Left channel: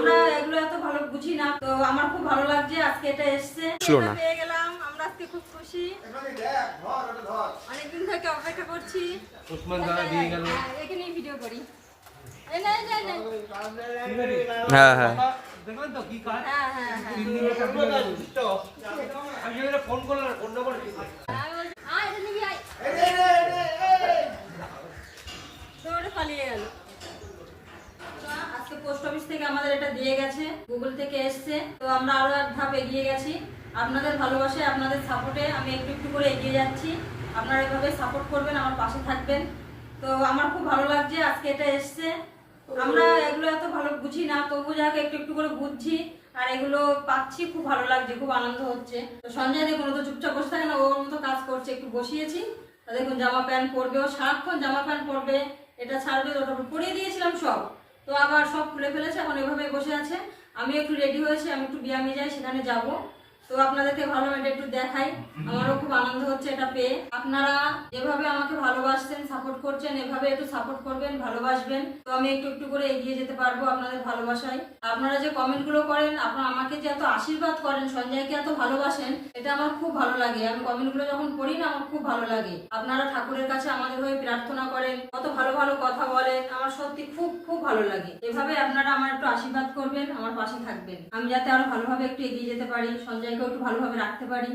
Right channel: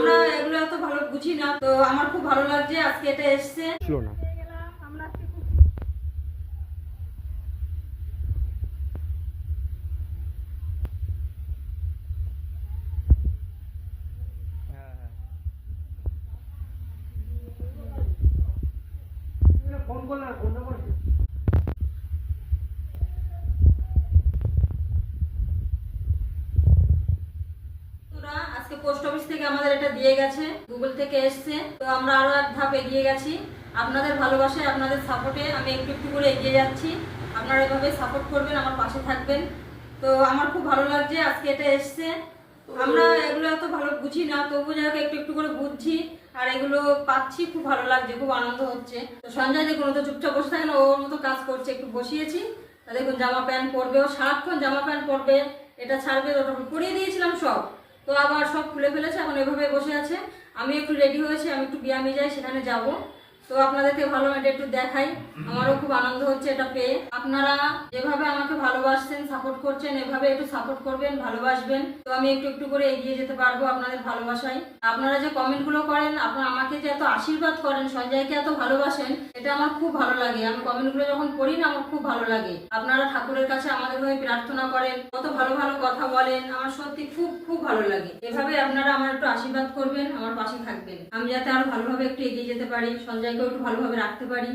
আমরা এগুলো এত ভালো বুঝি না, তো আমার খুব ভালো লাগছে আজকে এটা এসছে, এটা পেয়ে গেলাম। আমরা আজকে খুব খুশি, অনেকদিন থেকে অপেক্ষা করছি। এখানেই ভিডিও করি। হ্যাঁ হ্যাঁ দেখলেন তো কি কাজ? হ্যাঁ হ্যাঁ হ্যাঁ আমি ফোন করলাম, ফোন নম্বর পালিয়ে গেল। আজকে পোস্ট অফিস থেকে আমাদের এটা দিয়ে গেছে, গুগল থেকে এসছে, তো আমরা আরো এক ধাপ এগিয়ে গেছি। আপনাদের ভালোবাসায়, আপনাদের সাপোর্টে আমি একটু একটু করে এগিয়ে যাচ্ছি। আপনারা এভাবে সাপোর্ট করবেন, আমার পাশে থাকবেন। তো আমার খুব ভালো লাগছে আজকে এটা এসছে। আমরা এগুলো এত ভালো বুঝি না, তবু যাকে একটু একটু করে বুঝছি আর এগুলো পাচ্ছি, খুব ভালো লাগছে, খুব আনন্দ হচ্ছে। তো সঞ্জয় দেখুন, ও তো চুপচাপ বসে থাকে না, ওর মতো কাজ করছে, একটু বসিয়েছি। দেখুন জামা প্যান্ট পরবে, ও সারাক্ষণ জামা প্যান্ট পরবে, এটা ছাড়বে, ওটা পরিয়ে দিয়েছিলাম সব, তো আবার সব খুলে ফেলেছে, এখন এভাবে বসে আছে। আমি একটু রেডি হয়েছি, আমি একটু ব্যায়ামে যাই, সেখানে যাব। তো আপনাদেরকে ভালো এটা একটু দেখাই, আমারও খুব আনন্দ হচ্ছে এটা পেয়ে। আপনারা যেভাবে আমাকে ভালোবাসছেন, সাপোর্ট করছেন, এভাবে একটু সাপোর্ট করবেন, ভালোবাসবেন, তো আমি একটু একটু করে এগিয়ে যেতে পারবো আপনাদের ভালোবাসায়। আপনারা যে কমেন্টগুলো করেন, আপনারা আমাকে যে এত আশীর্বাদ করেন, সঞ্জয়কে এত ভালোবাসেন, এটা আমার খুব ভালো লাগে। আমি কমেন্টগুলো যখন পড়ি না, আমার খুব ভালো লাগে। আপনারা ঠাকুরের কাছে আমাদের হয়ে প্রার্থনা করেন, কত ভালো ভালো কথা বলেন, আমার সত্যি খুব খুব ভালো লাগে। এভাবে আপনারা আমার একটু আশীর্বাদ করবেন, আমার পাশে থাকবেন, আমি যাতে আরো ভালোভাবে একটু এগিয়ে যেতে পারি, সঞ্জয়কেও একটু ভালোভাবে রাখতে পারি।